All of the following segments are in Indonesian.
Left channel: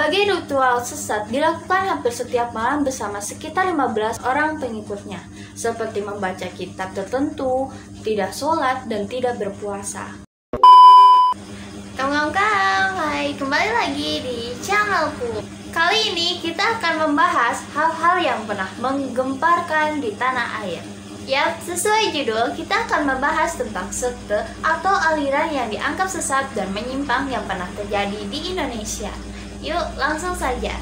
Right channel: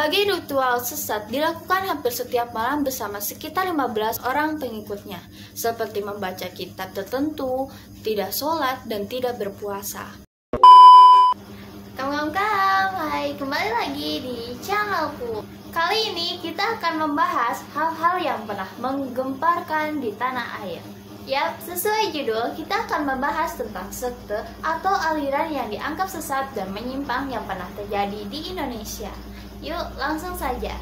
Berbagai ritual sesat dilakukan hampir setiap malam bersama sekitar 15 orang pengikutnya, seperti membaca kitab tertentu, tidak sholat, dan tidak berpuasa. Kawan-kawan, hai, kembali lagi di channelku. Kali ini kita akan membahas hal-hal yang pernah menggemparkan di tanah air. Yap, sesuai judul, kita akan membahas tentang sekte atau aliran yang dianggap sesat dan menyimpang yang pernah terjadi di Indonesia. Yuk, langsung saja.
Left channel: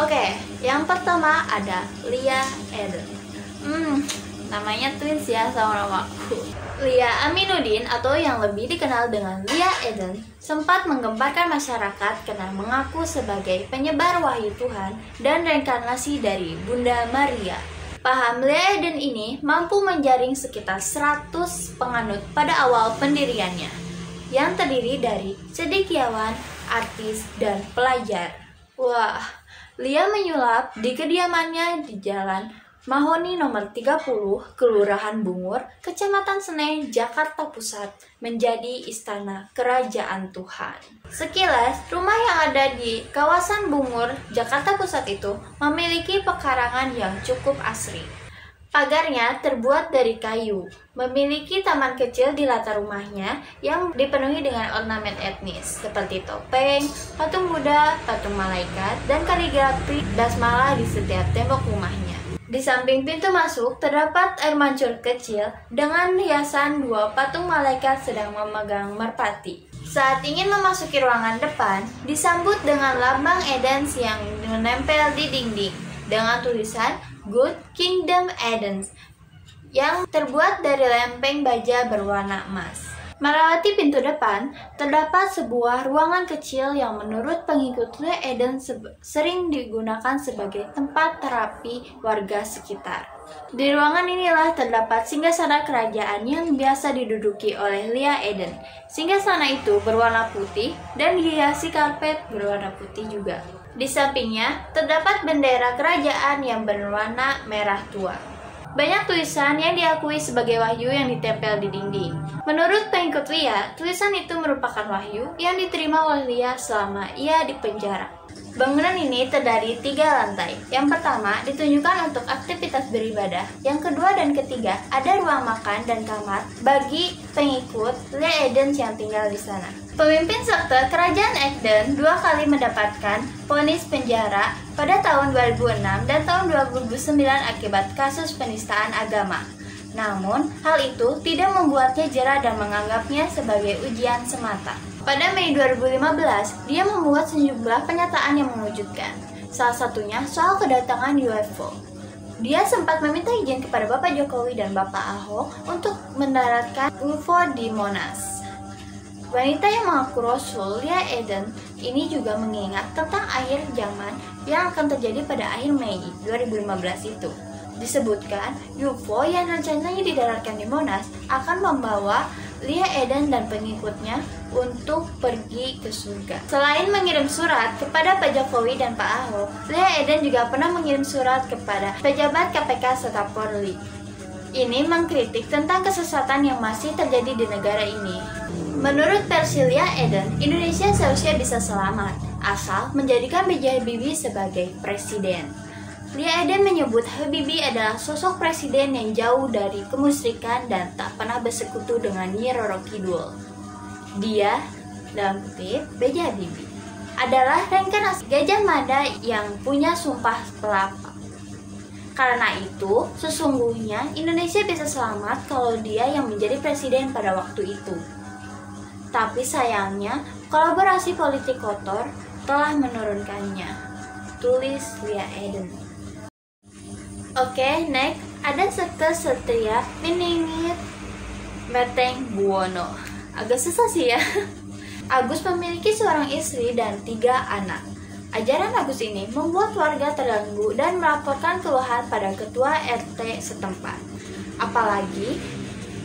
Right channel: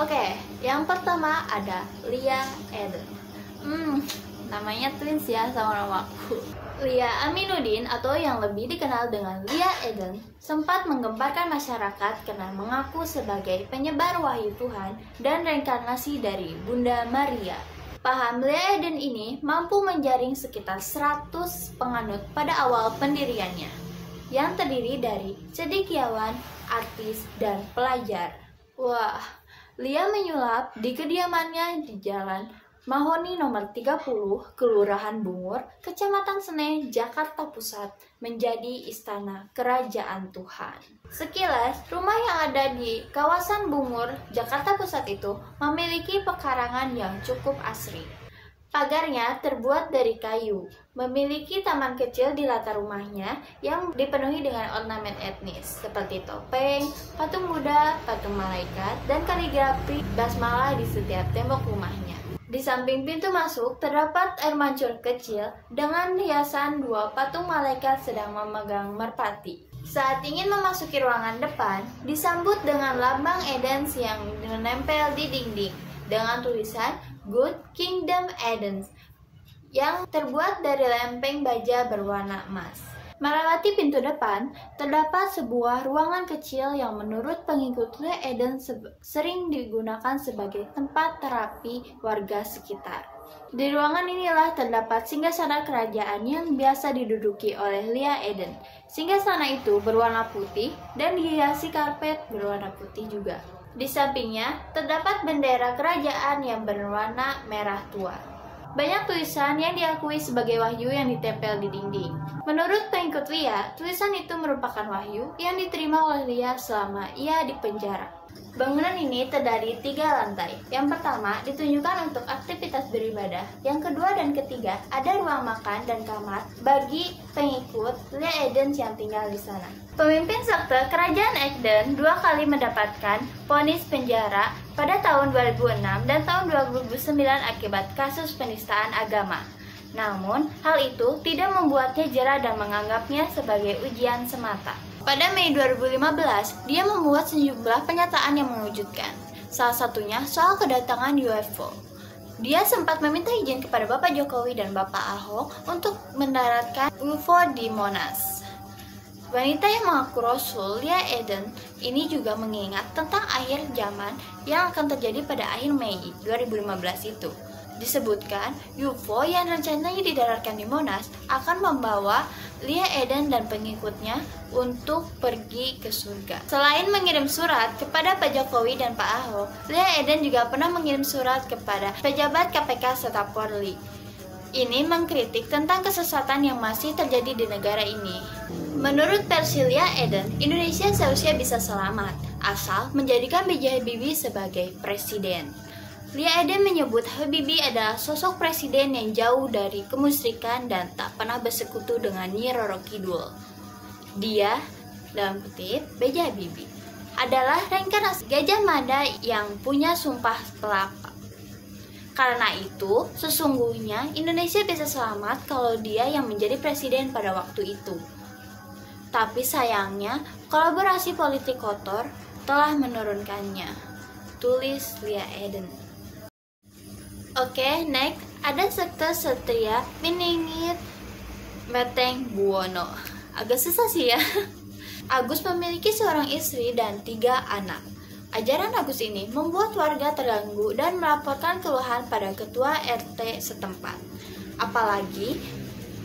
Oke, yang pertama ada Lia Eden. Namanya twins ya sama namaku. Lia Aminuddin atau yang lebih dikenal dengan Lia Eden sempat menggemparkan masyarakat karena mengaku sebagai penyebar wahyu Tuhan dan reinkarnasi dari Bunda Maria. Paham Lia Eden ini mampu menjaring sekitar 100 penganut pada awal pendiriannya, yang terdiri dari cendekiawan, artis, dan pelajar. Wah, Lia menyulap di kediamannya di Jalan Mahoni nomor 30, Kelurahan Bungur, Kecamatan Senen, Jakarta Pusat, menjadi istana kerajaan Tuhan. Sekilas, rumah yang ada di kawasan Bungur, Jakarta Pusat itu memiliki pekarangan yang cukup asri. Pagarnya terbuat dari kayu, memiliki taman kecil di latar rumahnya yang dipenuhi dengan ornamen etnis seperti topeng, patung Buddha, patung malaikat, dan kaligrafi basmalah di setiap tembok rumahnya. Di samping pintu masuk terdapat air mancur kecil dengan hiasan 2 patung malaikat sedang memegang merpati. Saat ingin memasuki ruangan depan, disambut dengan lambang Edens yang menempel di dinding dengan tulisan Good Kingdom Eden yang terbuat dari lempeng baja berwarna emas. Melewati pintu depan, terdapat sebuah ruangan kecil yang menurut pengikut Lia Eden sering digunakan sebagai tempat terapi warga sekitar. Di ruangan inilah terdapat singgasana kerajaan yang biasa diduduki oleh Lia Eden. Singgasana itu berwarna putih dan dihiasi karpet berwarna putih juga. Di sampingnya terdapat bendera kerajaan yang berwarna merah tua. Banyak tulisan yang diakui sebagai wahyu yang ditempel di dinding. Menurut pengikut Lia, tulisan itu merupakan wahyu yang diterima oleh Lia selama ia di penjara. Bangunan ini terdiri 3 lantai. Yang pertama ditunjukkan untuk aktivitas beribadah. Yang kedua dan ketiga ada ruang makan dan kamar bagi pengikut Lia Eden yang tinggal di sana. Pemimpin sekte kerajaan Eden 2 kali mendapatkan vonis penjara pada tahun 2006 dan tahun 2009 akibat kasus penistaan agama. Namun, hal itu tidak membuatnya jera dan menganggapnya sebagai ujian semata. Pada Mei 2015, dia membuat sejumlah pernyataan yang mengejutkan. Salah satunya soal kedatangan UFO. Dia sempat meminta izin kepada Bapak Jokowi dan Bapak Ahok untuk mendaratkan UFO di Monas. Wanita yang mengaku Rasul, Lia Eden, ini juga mengingat tentang akhir zaman yang akan terjadi pada akhir Mei 2015 itu. Disebutkan, UFO yang rencananya didaratkan di Monas akan membawa Lia Eden dan pengikutnya untuk pergi ke surga. Selain mengirim surat kepada Pak Jokowi dan Pak Ahok, Lia Eden juga pernah mengirim surat kepada pejabat KPK serta Polri. Ini mengkritik tentang kesesatan yang masih terjadi di negara ini. Menurut versi Lia Eden, Indonesia seharusnya bisa selamat asal menjadikan B.J. Habibie sebagai presiden. Lia Eden menyebut Habibie adalah sosok presiden yang jauh dari kemusyrikan dan tak pernah bersekutu dengan Nyi Roro Kidul. Dia, dalam kutip, B.J. Habibie, adalah reinkarnasi Gajah Mada yang punya sumpah pelapa. Karena itu, sesungguhnya Indonesia bisa selamat kalau dia yang menjadi presiden pada waktu itu. Tapi sayangnya, kolaborasi politik kotor telah menurunkannya. Tulis Lia Eden. Oke, next ada sekte Satria Piningit Meteng Buwono. Agak susah sih ya. Agus memiliki seorang istri dan 3 anak. Ajaran Agus ini membuat warga terganggu dan melaporkan keluhan pada ketua RT setempat. Apalagi,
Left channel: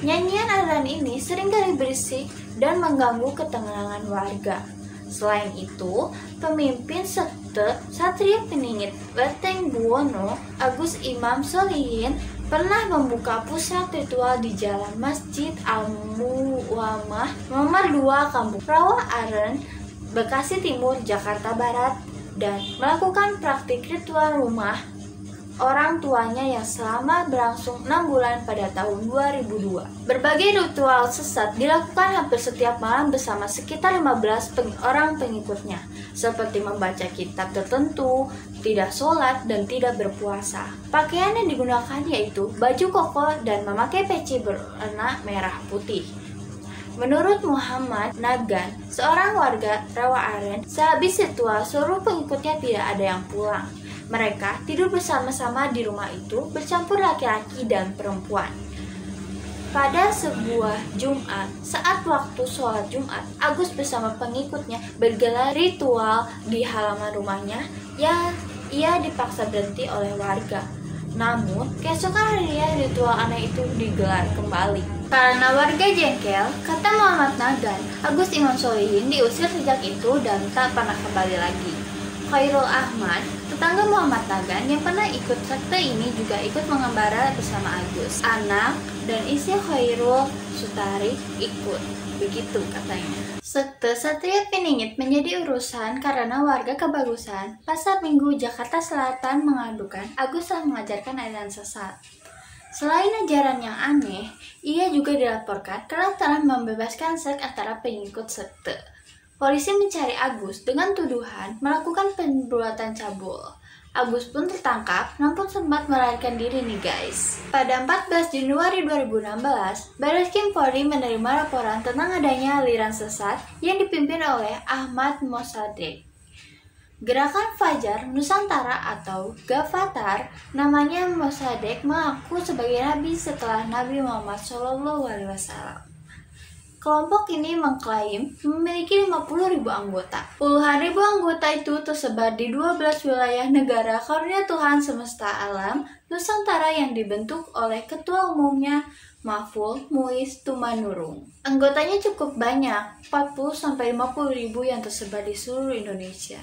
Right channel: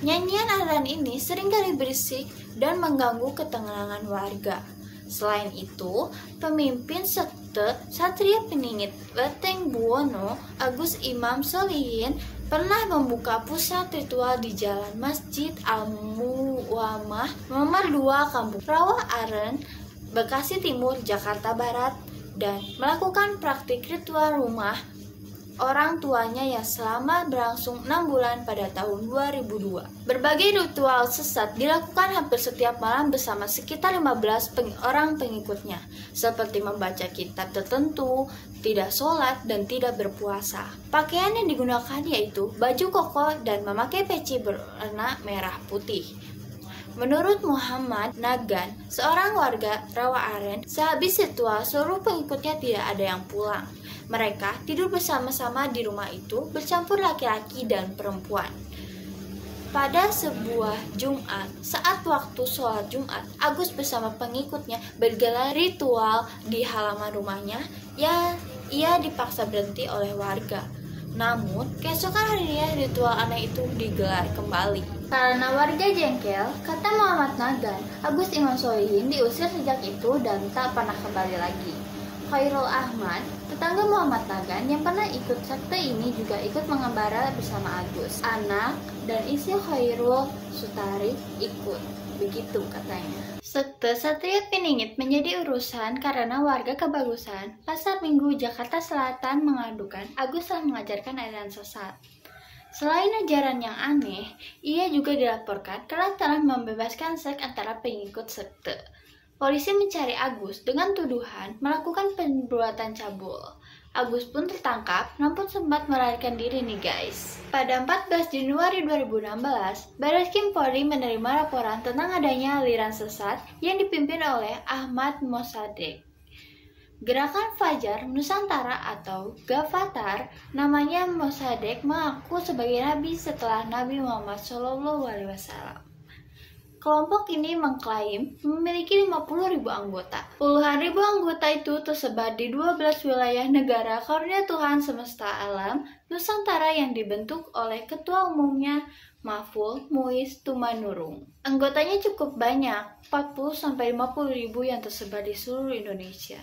nyanyian aliran ini seringkali berisik dan mengganggu ketenangan warga. Selain itu, pemimpin sekte Satria Piningit Meteng Buwono, Agus Imam Solihin, pernah membuka pusat ritual di Jalan Masjid Al-Muwamah nomor 2 Kampung Rawa Aren, Bekasi Timur, Jakarta Barat dan melakukan praktik ritual rumah orang tuanya yang selama berlangsung 6 bulan pada tahun 2002. Berbagai ritual sesat dilakukan hampir setiap malam bersama sekitar 15 orang pengikutnya, seperti membaca kitab tertentu, tidak sholat, dan tidak berpuasa. Pakaian yang digunakan yaitu baju koko dan memakai peci berwarna merah putih. Menurut Muhammad Nagan, seorang warga Rawa Aren, sehabis ritual seluruh pengikutnya tidak ada yang pulang. Mereka tidur bersama-sama di rumah itu bercampur laki-laki dan perempuan. Pada sebuah Jumat, saat waktu sholat Jumat, Agus bersama pengikutnya bergelar ritual di halaman rumahnya. Ia dipaksa berhenti oleh warga. Namun, keesokan harinya ritual aneh itu digelar kembali. Karena warga jengkel, kata Muhammad Nagan, Agus Imam Solihin diusir sejak itu dan tak pernah kembali lagi. Khairul Ahmad, tetangga Muhammad Nagan yang pernah ikut sekte ini, juga ikut mengembara bersama Agus. Anak dan istri Khairul Sutari ikut, begitu katanya. Sekte Satria Piningit menjadi urusan karena warga Kebagusan, Pasar Minggu, Jakarta Selatan mengadukan Agus telah mengajarkan aliran sesat. Selain ajaran yang aneh, ia juga dilaporkan telah membebaskan seks antara pengikut sekte. Polisi mencari Agus dengan tuduhan melakukan perbuatan cabul. Agus pun tertangkap, namun sempat melarikan diri nih guys. Pada 14 Januari 2016, Barreskrim Polri menerima laporan tentang adanya aliran sesat yang dipimpin oleh Ahmad Mossadegh. Gerakan Fajar Nusantara atau Gavatar, namanya Mossadegh mengaku sebagai nabi setelah Nabi Muhammad SAW. Kelompok ini mengklaim memiliki 50.000 anggota. Puluhan ribu anggota itu tersebar di 12 wilayah negara karunia Tuhan semesta alam Nusantara yang dibentuk oleh ketua umumnya Mahfud Muiz Tumanurung. Anggotanya cukup banyak, 40-50 ribu yang tersebar di seluruh Indonesia.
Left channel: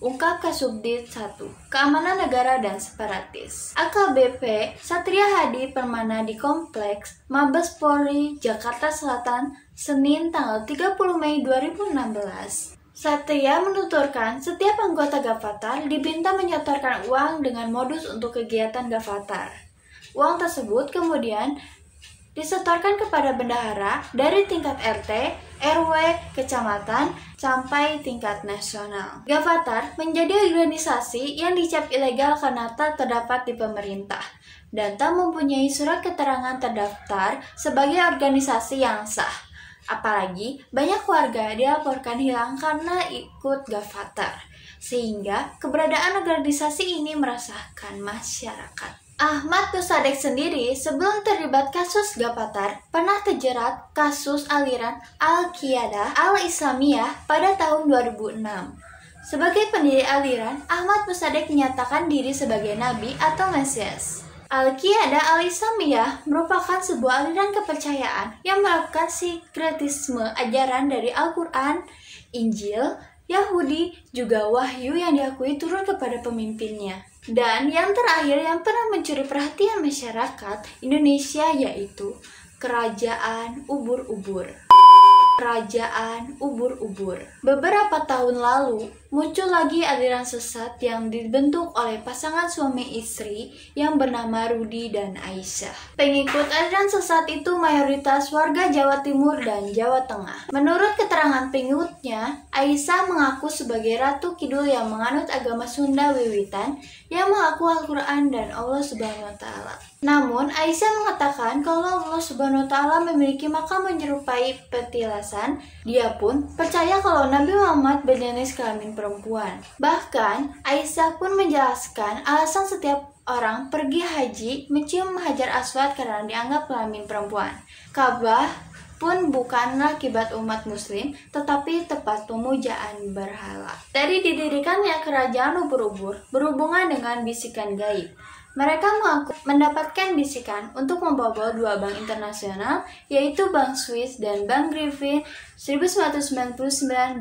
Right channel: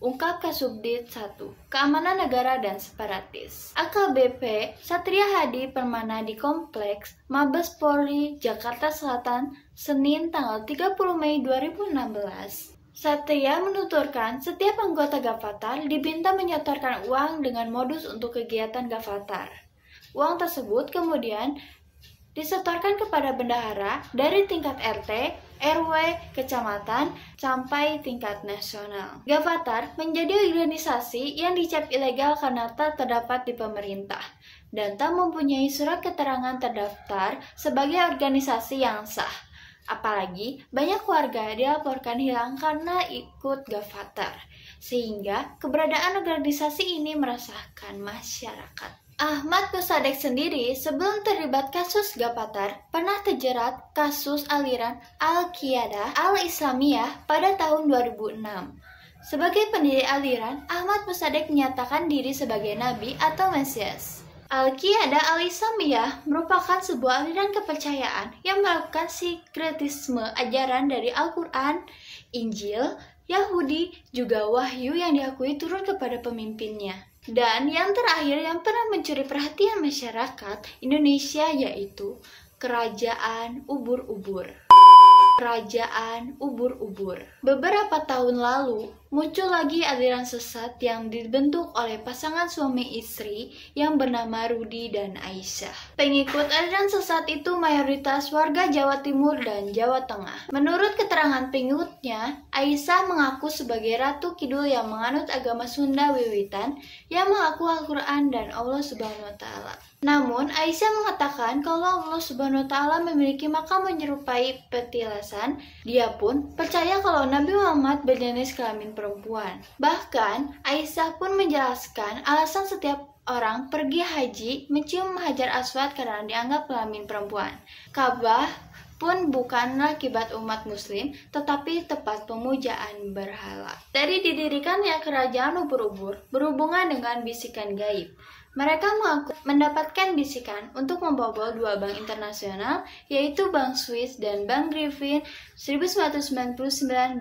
Ungkap Kasubdit 1, Keamanan Negara dan Separatis. AKBP Satria Hadi Permana di Kompleks Mabes Polri, Jakarta Selatan, Senin tanggal 30 Mei 2016. Satria menuturkan setiap anggota Gavatar diminta menyetorkan uang dengan modus untuk kegiatan Gavatar. Uang tersebut kemudian disetorkan kepada bendahara dari tingkat RT, RW, kecamatan, sampai tingkat nasional. Gavatar menjadi organisasi yang dicap ilegal karena tak terdapat di pemerintah dan tak mempunyai surat keterangan terdaftar sebagai organisasi yang sah. Apalagi banyak warga dilaporkan hilang karena ikut Gavatar, sehingga keberadaan organisasi ini meresahkan masyarakat. Ahmad Mossadegh sendiri sebelum terlibat kasus Gavatar pernah terjerat kasus aliran Al-Qiyadah Al-Islamiyah pada tahun 2006. Sebagai pendiri aliran, Ahmad Mossadegh menyatakan diri sebagai nabi atau mesias. Al-Qiyadah Al-Islamiyah merupakan sebuah aliran kepercayaan yang melakukan sinkretisme ajaran dari Al-Quran, Injil, Yahudi, juga Wahyu yang diakui turun kepada pemimpinnya. Dan yang terakhir yang pernah mencuri perhatian masyarakat Indonesia yaitu Kerajaan Ubur-Ubur. Kerajaan Ubur-Ubur. Beberapa tahun lalu, muncul lagi aliran sesat yang dibentuk oleh pasangan suami istri yang bernama Rudi dan Aisyah. Pengikut aliran sesat itu mayoritas warga Jawa Timur dan Jawa Tengah. Menurut keterangan pengikutnya, Aisyah mengaku sebagai Ratu Kidul yang menganut agama Sunda Wiwitan yang mengaku Al-Quran dan Allah Subhanahu wa Ta'ala. Namun, Aisyah mengatakan kalau Allah Subhanahu wa Ta'ala memiliki makam menyerupai petilasan. Dia pun percaya kalau Nabi Muhammad berjenis kelamin perempuan. Bahkan, Aisyah pun menjelaskan alasan setiap orang pergi haji mencium Hajar Aswad karena dianggap kelamin perempuan. Ka'bah pun bukanlah kiblat umat muslim, tetapi tempat pemujaan berhala. Dari didirikannya kerajaan Ubur-Ubur berhubungan dengan bisikan gaib. Mereka mengaku mendapatkan bisikan untuk membobol dua bank internasional, yaitu Bank Swiss dan Bank Griffin 1999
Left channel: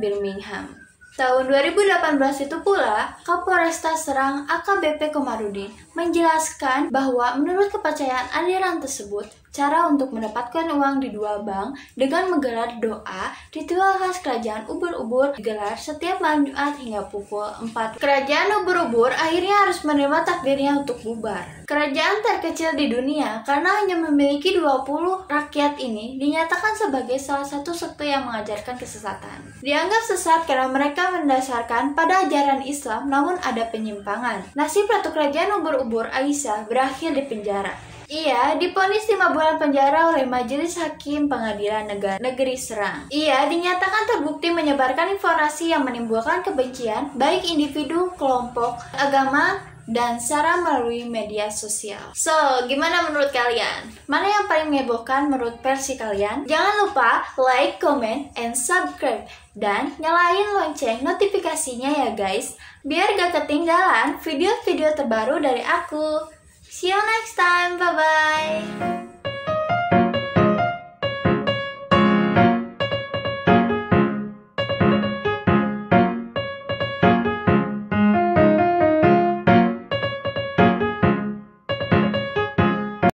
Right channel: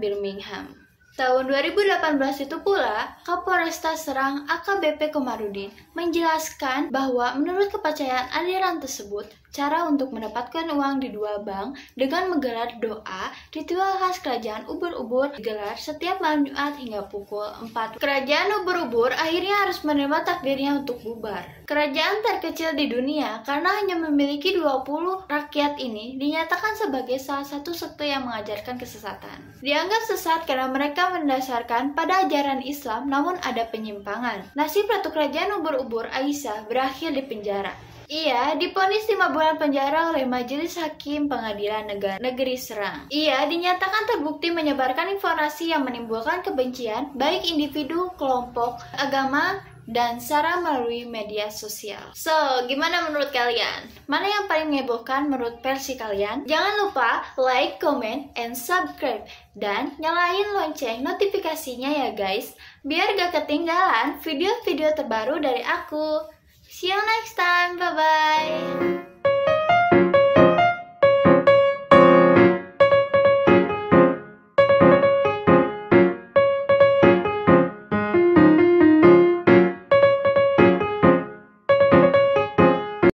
Birmingham. Tahun 2018 itu pula, Kapolresta Serang AKBP Komarudin menjelaskan bahwa menurut kepercayaan aliran tersebut, Cara untuk mendapatkan uang di dua bank dengan menggelar doa, ritual khas kerajaan ubur-ubur digelar setiap malam Jumat hingga pukul 4. Kerajaan ubur-ubur akhirnya harus menerima takdirnya untuk bubar. Kerajaan terkecil di dunia karena hanya memiliki 20 rakyat ini dinyatakan sebagai salah satu sekte yang mengajarkan kesesatan. Dianggap sesat karena mereka mendasarkan pada ajaran Islam namun ada penyimpangan. Nasib Ratu Kerajaan Ubur-ubur Aisyah berakhir di penjara. Ia divonis 5 bulan penjara oleh Majelis Hakim Pengadilan Negeri Serang. Ia dinyatakan terbukti menyebarkan informasi yang menimbulkan kebencian baik individu, kelompok, agama, dan sara melalui media sosial. So, gimana menurut kalian? Mana yang paling menghebohkan menurut versi kalian? Jangan lupa like, comment, and subscribe. Dan nyalain lonceng notifikasinya ya guys, biar gak ketinggalan video-video terbaru dari aku. See you next time, bye-bye!